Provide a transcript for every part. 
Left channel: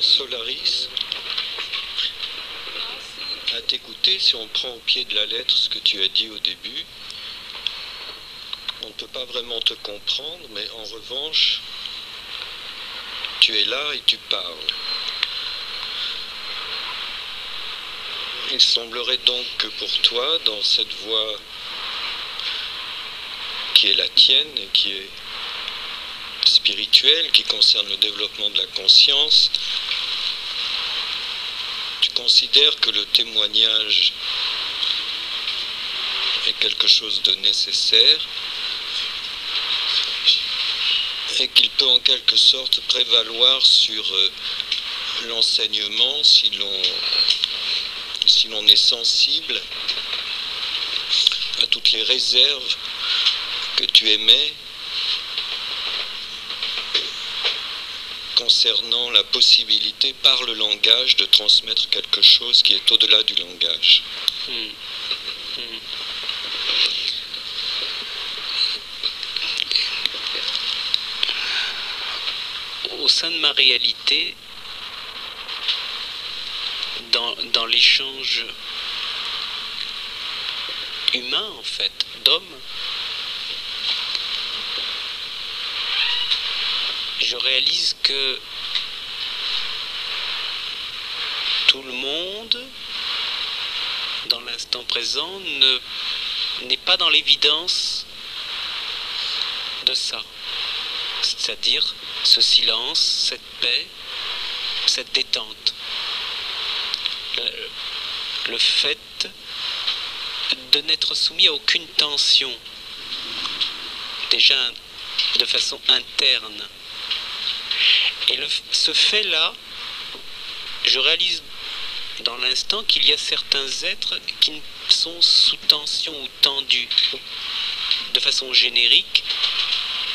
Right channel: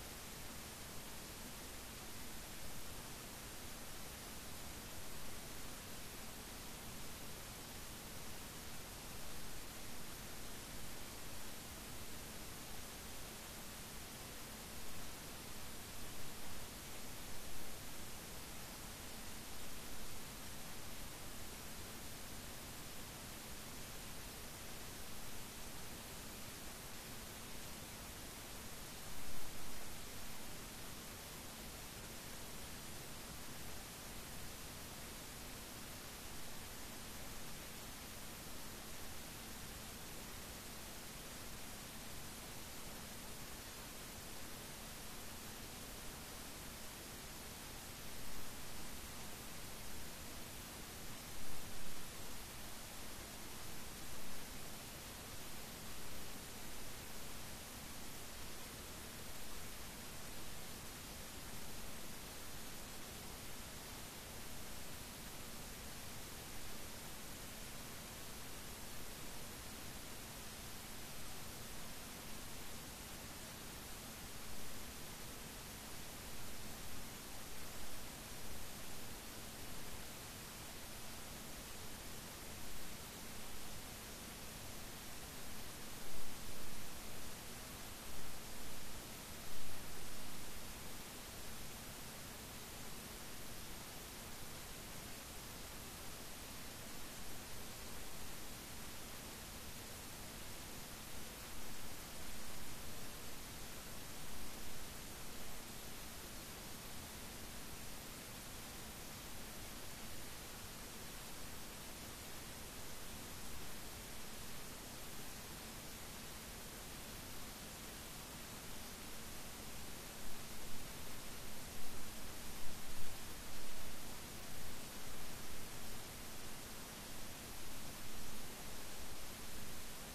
Solaris, à t'écouter, si on prend au pied de la lettre ce que tu as dit au début, on ne peut pas vraiment te comprendre, mais en revanche, tu es là et tu parles. Il semblerait donc que pour toi, dans cette voie qui est la tienne et qui est spirituelle, qui concerne le développement de la conscience, tu considères que le témoignage est quelque chose de nécessaire et qu'il peut en quelque sorte prévaloir sur l'enseignement si l'on est sensible à toutes les réserves que tu émets concernant la possibilité par le langage de transmettre quelque chose qui est au-delà du langage. Au sein de ma réalité, dans l'échange humain, en fait, d'hommes, je réalise que tout le monde, dans l'instant présent, n'est pas dans l'évidence de ça. C'est-à-dire ce silence, cette paix, cette détente. Le fait de n'être soumis à aucune tension, déjà de façon interne. Et ce fait-là, je réalise dans l'instant qu'il y a certains êtres qui sont sous tension ou tendus, de façon générique,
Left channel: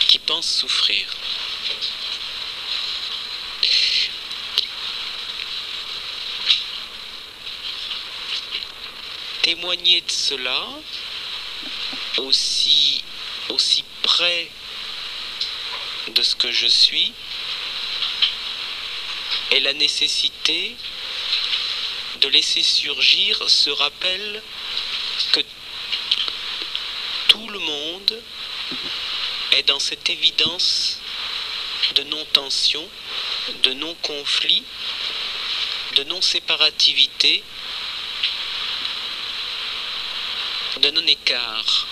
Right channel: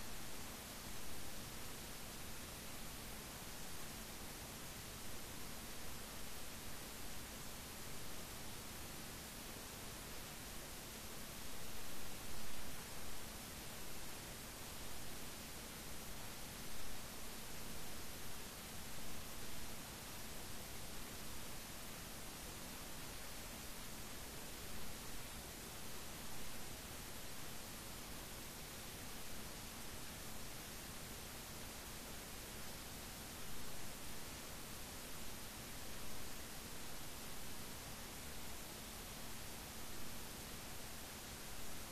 qui pensent souffrir. Témoigner de cela, aussi près de ce que je suis, est la nécessité de laisser surgir ce rappel que tout le monde est dans cette évidence de non-tension, de non-conflit, de non-séparativité, de non-écart.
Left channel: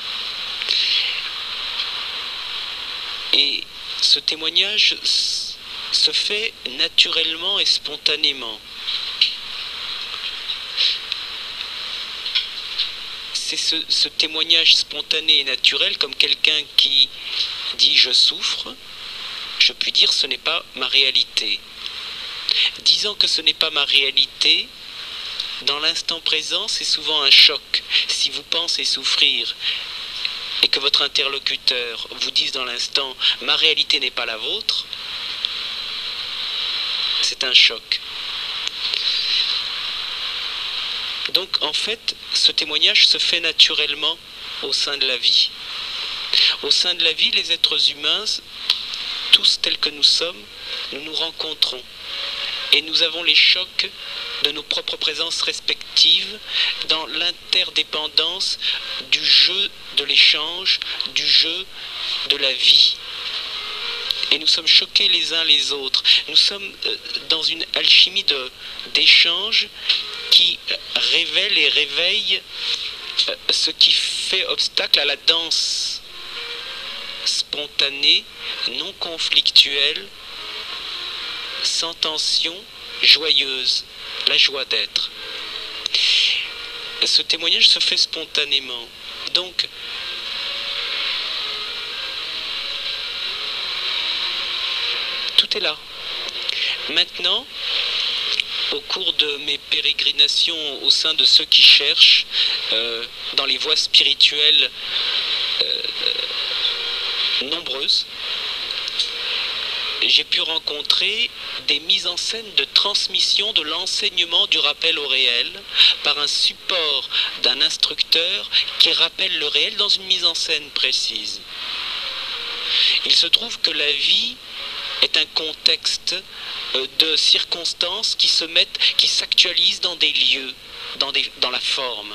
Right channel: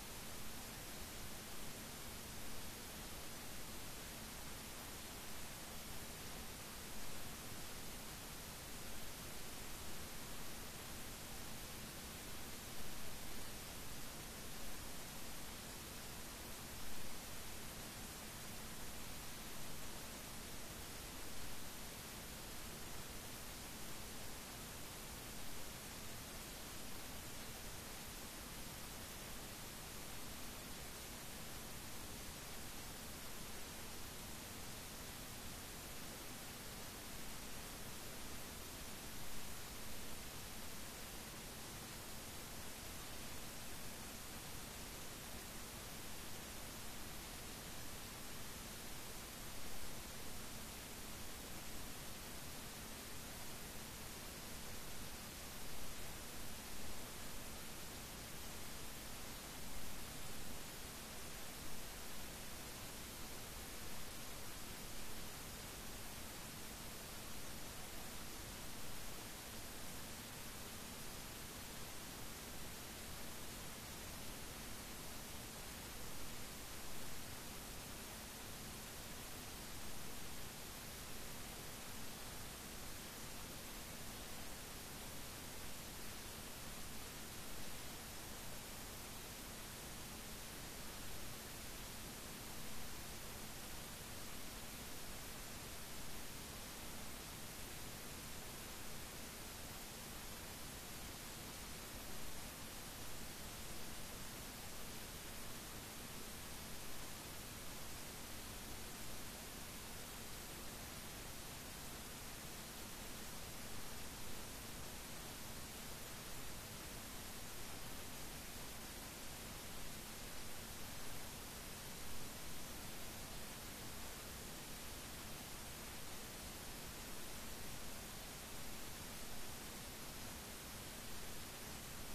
Et ce témoignage se fait naturellement et spontanément. C'est ce témoignage spontané et naturel, comme quelqu'un qui dit « je souffre », je puis dire « ce n'est pas ma réalité ». Disant que ce n'est pas ma réalité, dans l'instant présent, c'est souvent un choc. Si vous pensez souffrir et que votre interlocuteur vous dise dans l'instant « ma réalité n'est pas la vôtre », c'est un choc. Donc en fait, ce témoignage se fait naturellement au sein de la vie. Au sein de la vie, les êtres humains, tous tels que nous sommes, nous nous rencontrons. Et nous avons les chocs de nos propres présences respectives dans l'interdépendance du jeu de l'échange, du jeu de la vie. Et nous sommes choqués les uns les autres. Nous sommes dans une alchimie d'échange qui révèle et réveille ce qui fait obstacle à la danse spontanée, non conflictuelle, sans tension, joyeuse, la joie d'être. Ce témoignage se fait spontanément. Donc, tout est là. Maintenant, au cours de mes pérégrinations au sein de ceux qui cherchent dans les voies spirituelles nombreuses, j'ai pu rencontrer des mises en scène de transmission de l'enseignement du rappel au réel par un support d'un instructeur qui rappelle le réel dans une mise en scène précise. Il se trouve que la vie est un contexte de circonstances qui se mettent, qui s'actualisent dans des lieux, dans la forme.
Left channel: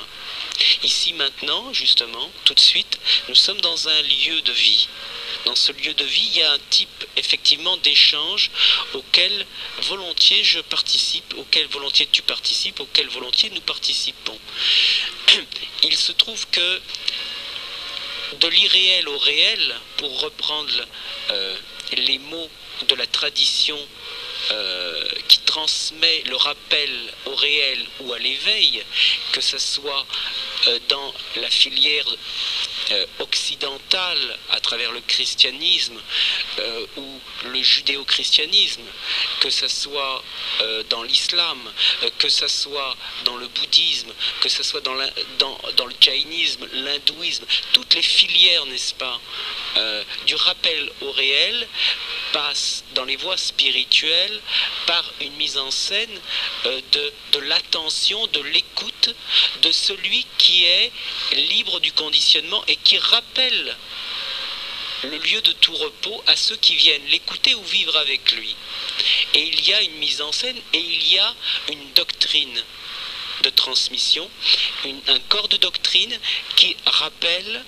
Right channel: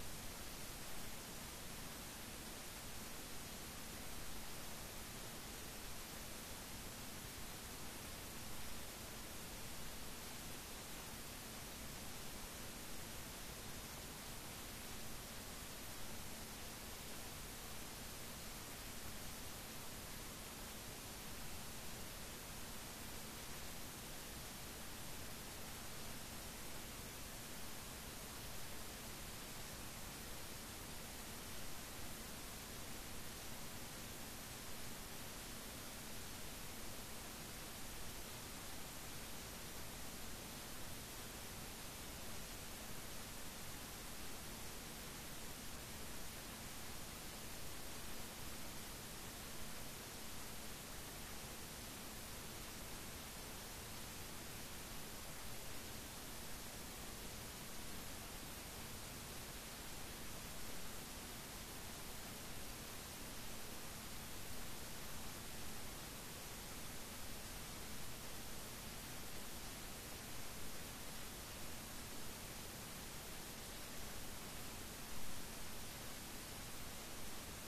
Ici maintenant, justement, tout de suite, nous sommes dans un lieu de vie. Dans ce lieu de vie, il y a un type effectivement d'échange auquel volontiers je participe, auquel volontiers tu participes, auquel volontiers nous participons. Il se trouve que de l'irréel au réel, pour reprendre les mots de la tradition qui transmet le rappel au réel ou à l'éveil, que ce soit dans la filière occidentale à travers le christianisme ou le judéo-christianisme, que ce soit dans l'islam, que ce soit dans le bouddhisme, que ce soit dans le jaïnisme, l'hindouisme, toutes les filières, n'est-ce pas, du rappel au réel passe dans les voies spirituelles par une mise en scène de l'attention, de l'écoute de celui qui est libre du conditionnement et qui rappelle le lieu de tout repos à ceux qui viennent l'écouter ou vivre avec lui. Et il y a une mise en scène et il y a une doctrine de transmission, un corps de doctrine qui rappelle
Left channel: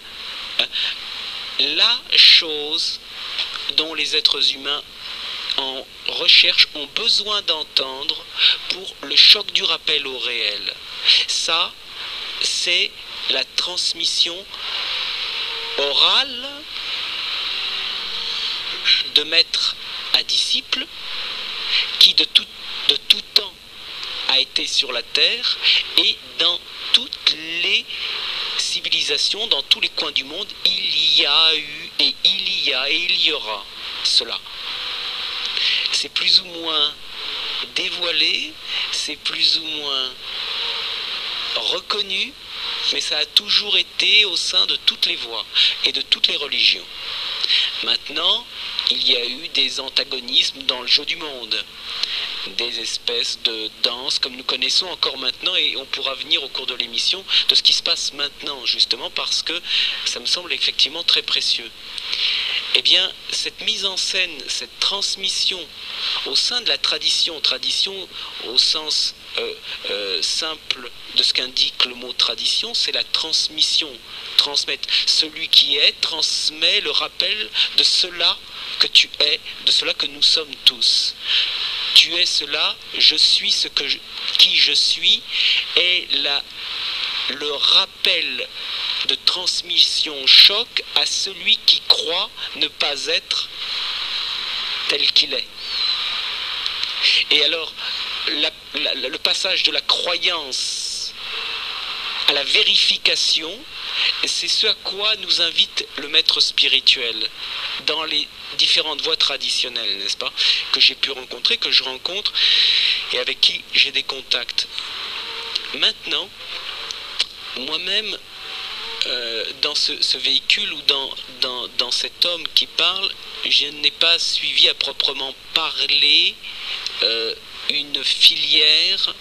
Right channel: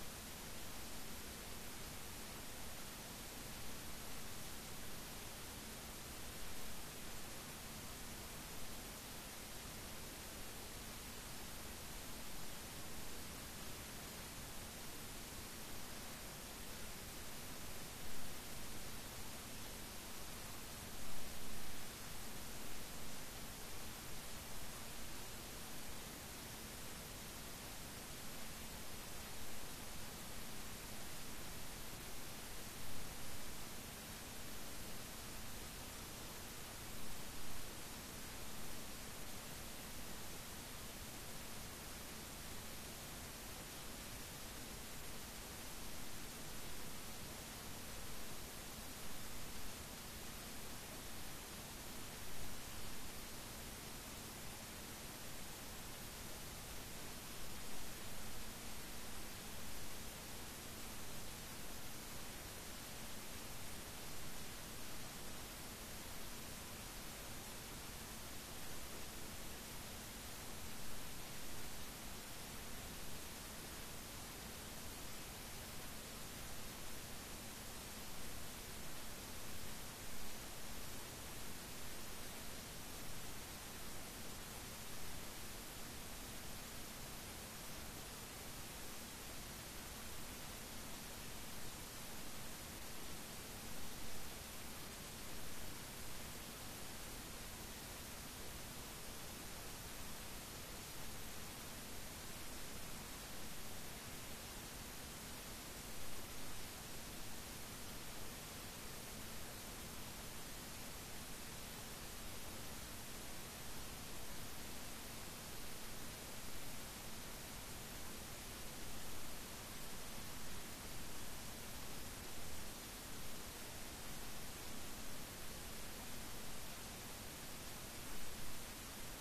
la chose dont les êtres humains en recherche ont besoin d'entendre pour le choc du rappel au réel. Ça, c'est la transmission orale de maître à disciple qui de tout temps a été sur la terre et dans toutes les civilisations, dans tous les coins du monde, il y a eu et il y a et il y aura cela. C'est plus ou moins dévoilé, c'est plus ou moins reconnu, mais ça a toujours été au sein de toutes les voies et de toutes les religions. Maintenant, il y a eu des antagonismes dans le jeu du monde, des espèces de danses comme nous connaissons encore maintenant, et on pourra venir au cours de l'émission de ce qui se passe maintenant, justement parce que ça me semble effectivement très précieux. Eh bien, cette mise en scène, cette transmission au sein de la tradition au sens simple de ce qu'indique le mot tradition, c'est la transmission, transmettre. Celui qui est transmet le rappel de cela que tu es, de cela que nous sommes tous. Tu es cela, je suis qui je suis, et le rappel de transmission choc à celui qui croit ne pas être tel qu'il est. Et alors, le passage de la croyance à la vérification, c'est ce à quoi nous invite le maître spirituel dans les différentes voies traditionnelles, n'est-ce pas, que j'ai pu rencontrer, que je rencontre et avec qui j'ai des contacts. Maintenant, moi-même, dans ce véhicule ou dans cet homme qui parle, je n'ai pas suivi à proprement parler une filière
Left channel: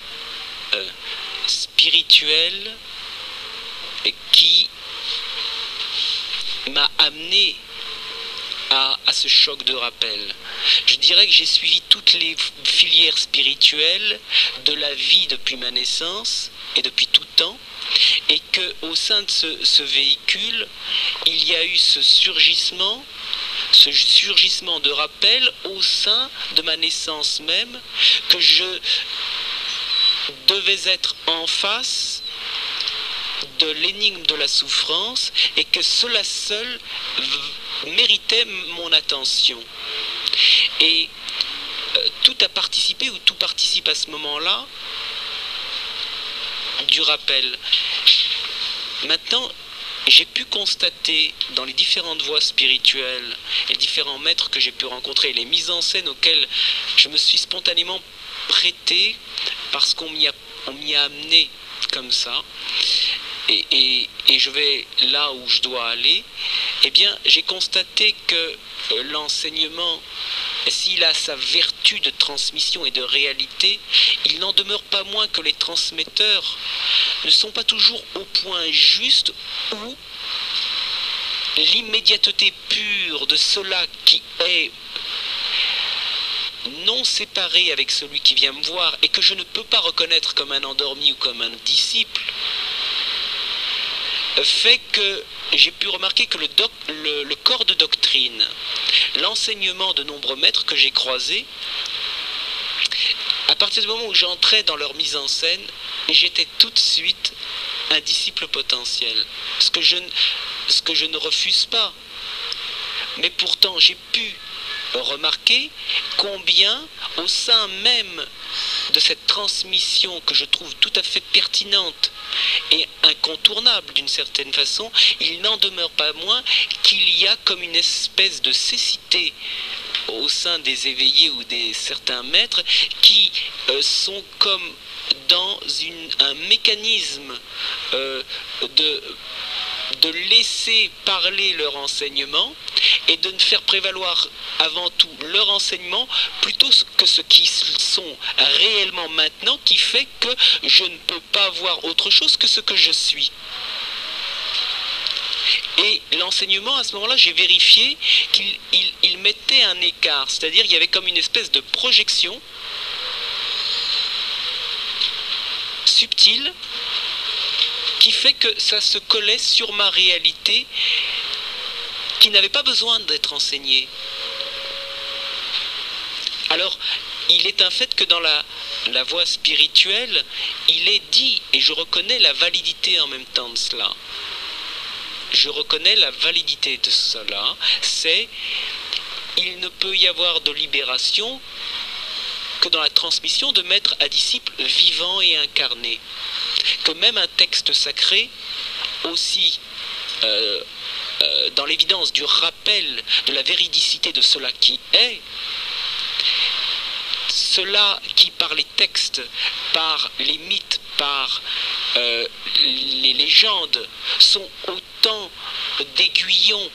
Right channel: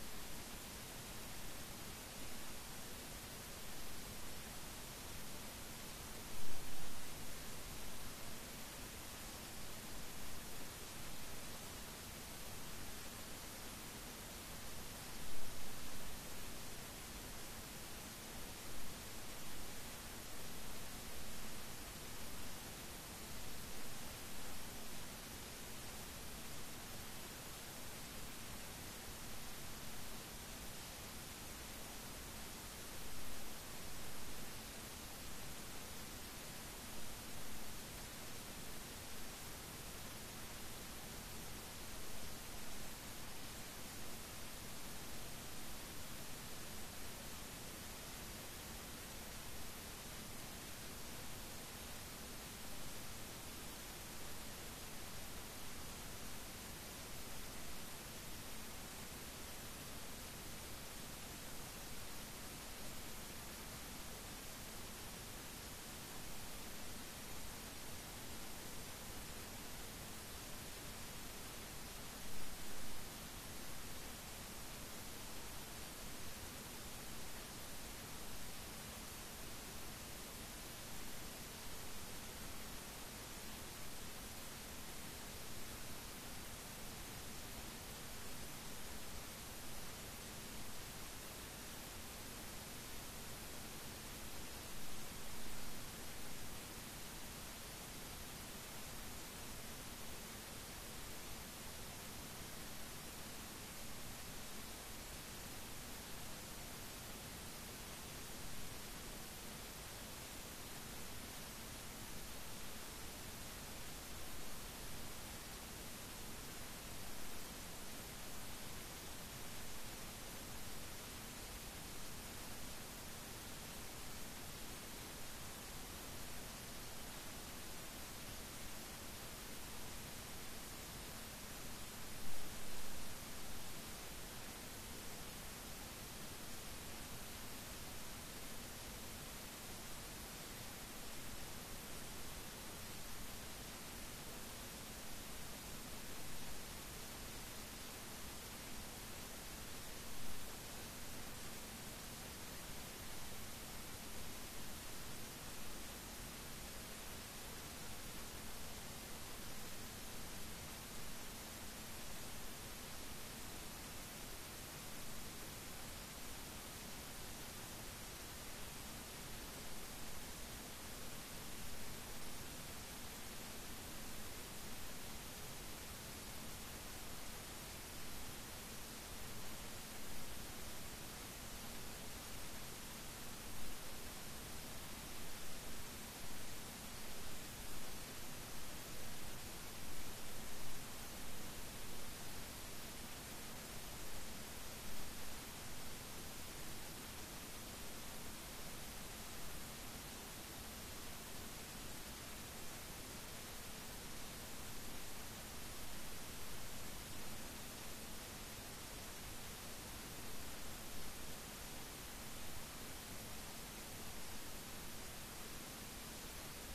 spirituelle qui m'a amené à ce choc de rappel. Je dirais que j'ai suivi toutes les filières spirituelles de la vie depuis ma naissance et depuis tout temps, et qu'au sein de ce véhicule, il y a eu ce surgissement de rappel au sein de ma naissance même, que je devais être en face de l'énigme de la souffrance et que cela seul méritait mon attention. Et tout a participé, ou tout participe à ce moment-là, du rappel. Maintenant, j'ai pu constater dans les différentes voies spirituelles et les différents maîtres que j'ai pu rencontrer, les mises en scène auxquelles je me suis spontanément prêté parce qu'on m'y a amené comme ça, et je vais là où je dois aller, eh bien j'ai constaté que l'enseignement, s'il a sa vertu de transmission et de réalité, il n'en demeure pas moins que les transmetteurs ne sont pas toujours au point juste où l'immédiateté pure de cela qui est non non séparé avec celui qui vient me voir et que je ne peux pas reconnaître comme un endormi ou comme un disciple, fait que j'ai pu remarquer que le corps de doctrine, l'enseignement de nombreux maîtres que j'ai croisés, à partir du moment où j'entrais dans leur mise en scène, j'étais tout de suite un disciple potentiel, ce que je ne refuse pas. Mais pourtant, j'ai pu remarquer combien, au sein même de cette transmission que je trouve tout à fait pertinente et incontournable d'une certaine façon, il n'en demeure pas moins qu'il y a comme une espèce de cécité au sein des éveillés ou des certains maîtres qui sont comme dans un mécanisme de laisser parler leur enseignement et de ne faire prévaloir avant tout leur enseignement plutôt que ce qu'ils sont réellement maintenant, qui fait que je ne peux pas voir autre chose que ce que je suis. Et l'enseignement, à ce moment-là, j'ai vérifié qu'il mettait un écart, c'est-à-dire il y avait comme une espèce de projection subtile qui fait que ça se collait sur ma réalité qui n'avait pas besoin d'être enseignée. Alors, il est un fait que dans la voie spirituelle, il est dit, et je reconnais la validité en même temps de cela, je reconnais la validité de cela, c'est il ne peut y avoir de libération que dans la transmission de maître à disciple vivant et incarné. Que même un texte sacré, aussi dans l'évidence du rappel de la véridicité de cela qui est, cela qui par les textes, par les mythes, par les légendes, sont autant d'aiguillons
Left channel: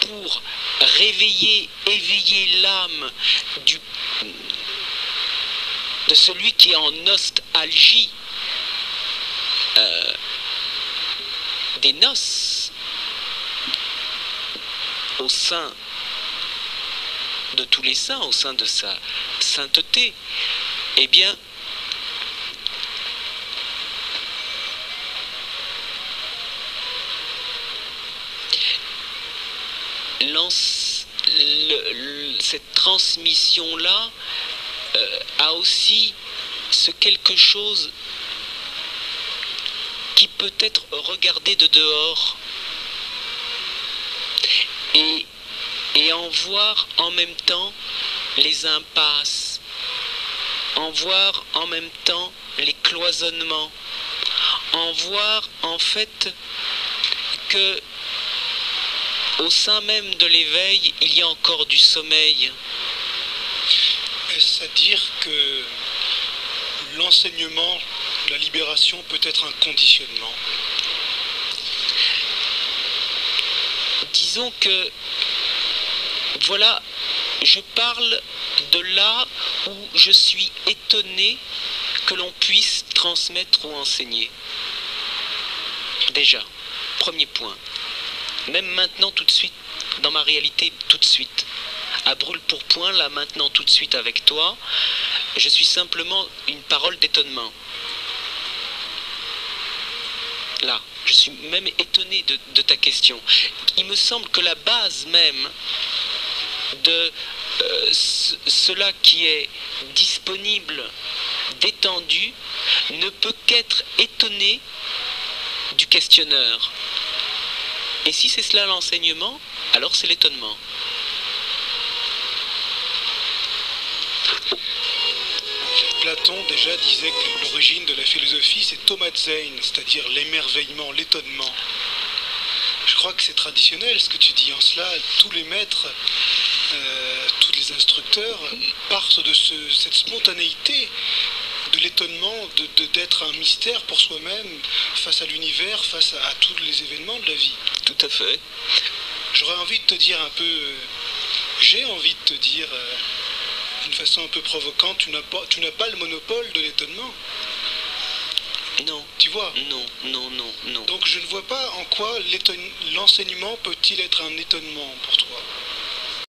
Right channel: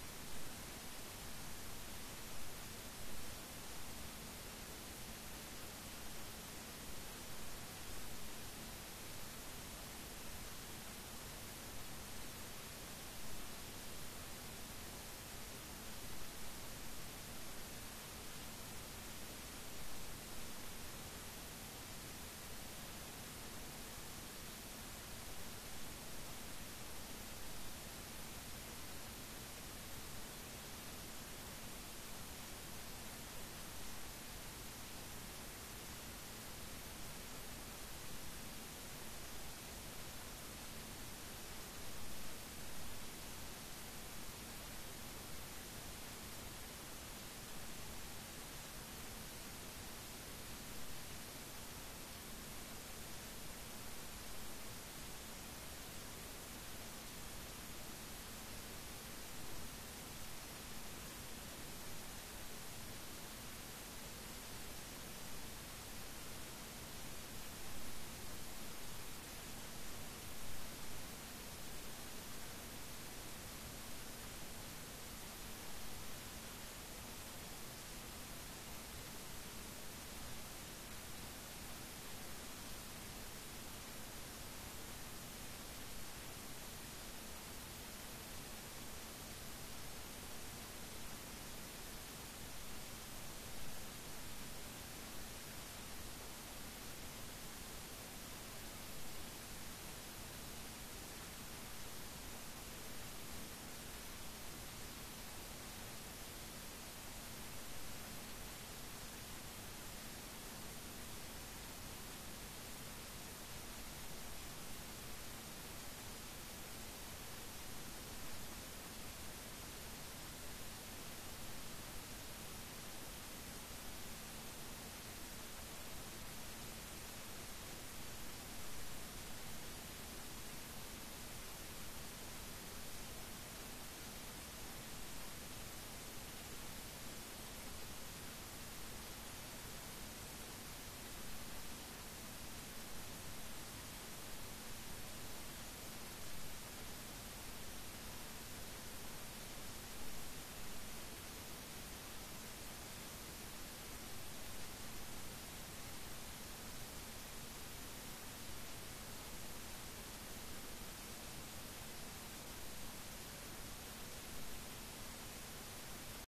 pour réveiller, éveiller l'âme de celui qui est en nostalgie des noces au sein de tous les saints, au sein de sa sainteté, eh bien, cette transmission-là a aussi ce quelque chose qui peut être regardé de dehors et en voir en même temps les impasses, en voir en même temps les cloisonnements, en voir en fait que au sein même de l'éveil, il y a encore du sommeil. Est-ce à dire que l'enseignement, la libération peut être un conditionnement? Disons que, voilà, je parle de là où je suis étonné que l'on puisse transmettre ou enseigner. Déjà, premier point. Même maintenant, tout de suite, dans ma réalité, tout de suite. À brûle-pourpoint, là, maintenant, tout de suite avec toi, je suis simplement une parole d'étonnement. Là, je suis même étonné de ta question. Il me semble que la base même de cela qui est disponible, détendu, ne peut qu'être étonné du questionneur. Et si c'est cela l'enseignement, alors c'est l'étonnement. Platon déjà disait que l'origine de la philosophie c'est Thomazein, c'est-à-dire l'émerveillement, l'étonnement. Je crois que c'est traditionnel ce que tu dis. En cela, tous les maîtres, tous les instructeurs partent de cette spontanéité, de l'étonnement, d'être un mystère pour soi-même, face à l'univers, face à tous les événements de la vie. Tout à fait. J'aurais envie de te dire un peu, j'ai envie de te dire d'une façon un peu provocante, tu n'as pas le monopole de l'étonnement. Non. Tu vois? Non. Donc je ne vois pas en quoi l'enseignement peut-il être un étonnement pour toi.